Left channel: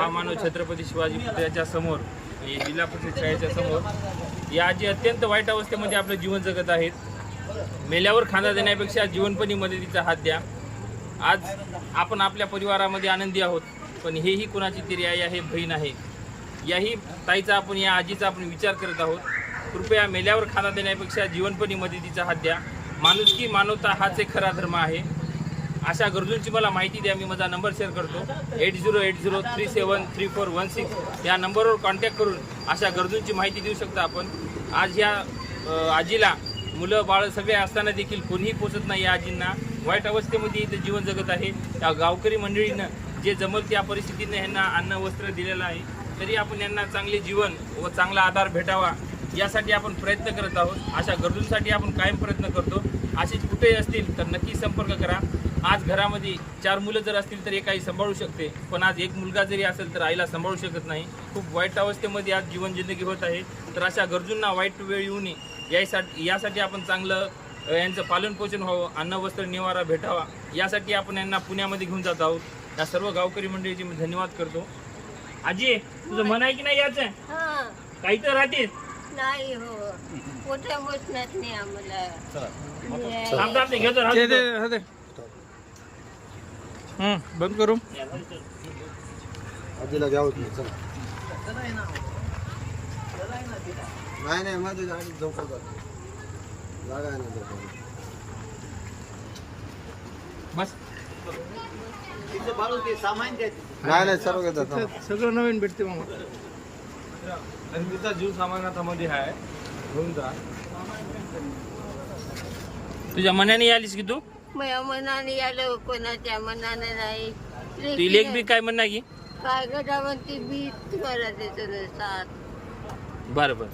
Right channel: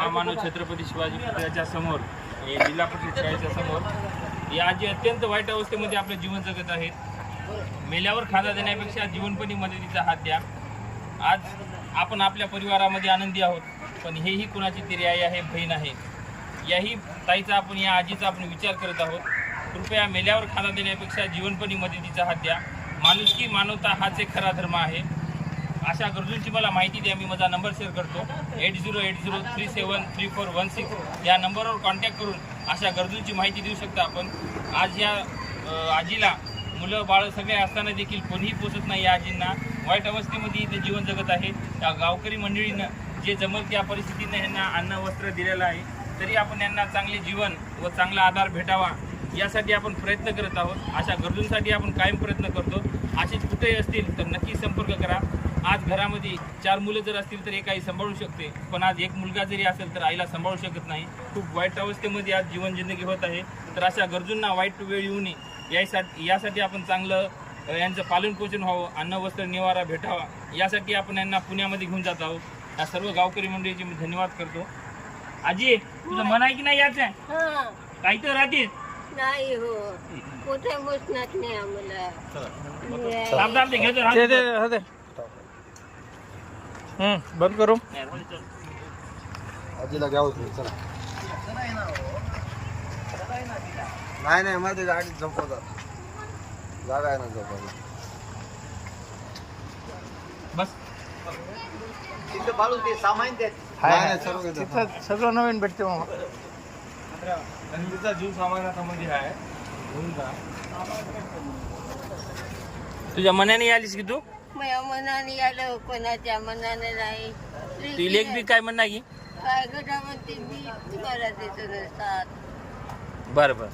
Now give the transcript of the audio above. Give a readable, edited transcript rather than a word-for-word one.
महामानव छत्रपती शिवाजी पुतळ्याच्या समोर, हे जिल्हा परिषद शाळेच्या समोर या आजी अत्यंत वाईट अवस्थेमध्ये आपलं जीवन जगत आहेत. मेल्यावर खांदा देण्यापेक्षा जीवनपणी मदतीचा हात द्या. आज आपण आपल्या परिवारामध्ये आनंदी आहोत, पण हेही कुणाची तरी आई आहे, बहीण आहे. याही ताईचा आपण, या आजीचा आपण विचार करत आहोत. कृपया मेल्यावर खांदा देण्यापेक्षा जीवनपणी मदतीचा हात द्या. माणुसकी, मानवता हाच एक खरा धर्म आहे. अशा गरजूंची मला माहिती द्या. मी माझा नंबर शेअर करतो 8080373416 या नंबरवर कॉन्टॅक्ट करून अशा गरजूंची माहिती देऊ शकता आपण. आज या आजीला मुलं बाळं सगळे असताना देखील कोणीही पोचत नाही. या आजींना वाईट अवस्थेमध्ये इथं जीवन जगत आहे. त्या गावकरी मंडळीनं जे जमल त्या परिस्थितीनं यांना अन्न वस्त्र दिलेलं आहे, तरी आपण यांना चांगले जीवन व चांगला आधार भेटावा यासाठी आपण प्रयत्न करत आहोत. अशा गरजूंसाठी आपण कायम प्रयत्न करतो. अशी कुठे असतील तर नक्की संपर्क करा. आज घरामध्ये 4 मुलं जर असतील तर एक आई सांभाळू शकते, पण आज एक मुलगा जरी असेल तर आईला सांभाळू शकत नाही. खूप वाईट अवस्थेमध्ये आज जीवन जिंदगी होत आहे. तर अशा गरजूंना वाईट वेळ येऊ नये यासाठी आपण चांगलं यांचं पालन पोषण व्हावं, अन्न वस्त्र निवारा भेटावा यासाठी आपण यांना पुण्यामध्ये घेऊन जात आहोत. या सर्व गावकरी मंडळीचे मी धन्यवाद करतो. आजी, तुझं मन आहे की नाही याचं? काही तर राहते नाही हो, कुठे बसणार नाही आम्हाला. बंद करू. आजीला घ्या होती. चला. नाही मध्ये गाडी झोपवतात. जागा आहे ना झोपवतात. बस. सगळं नवीन भेटते मामा. तिचा जीव सामानात मध्ये आहे. घेऊन जा. तुझ्या मनाने आलीस की तू? माझ्या मनाने आलं, कोणाच्या मनाने नाही. ती लेख बी काय म्हणणार की? काय गटावरती बी तुम्हाला देतो नसतात. बरं बरं.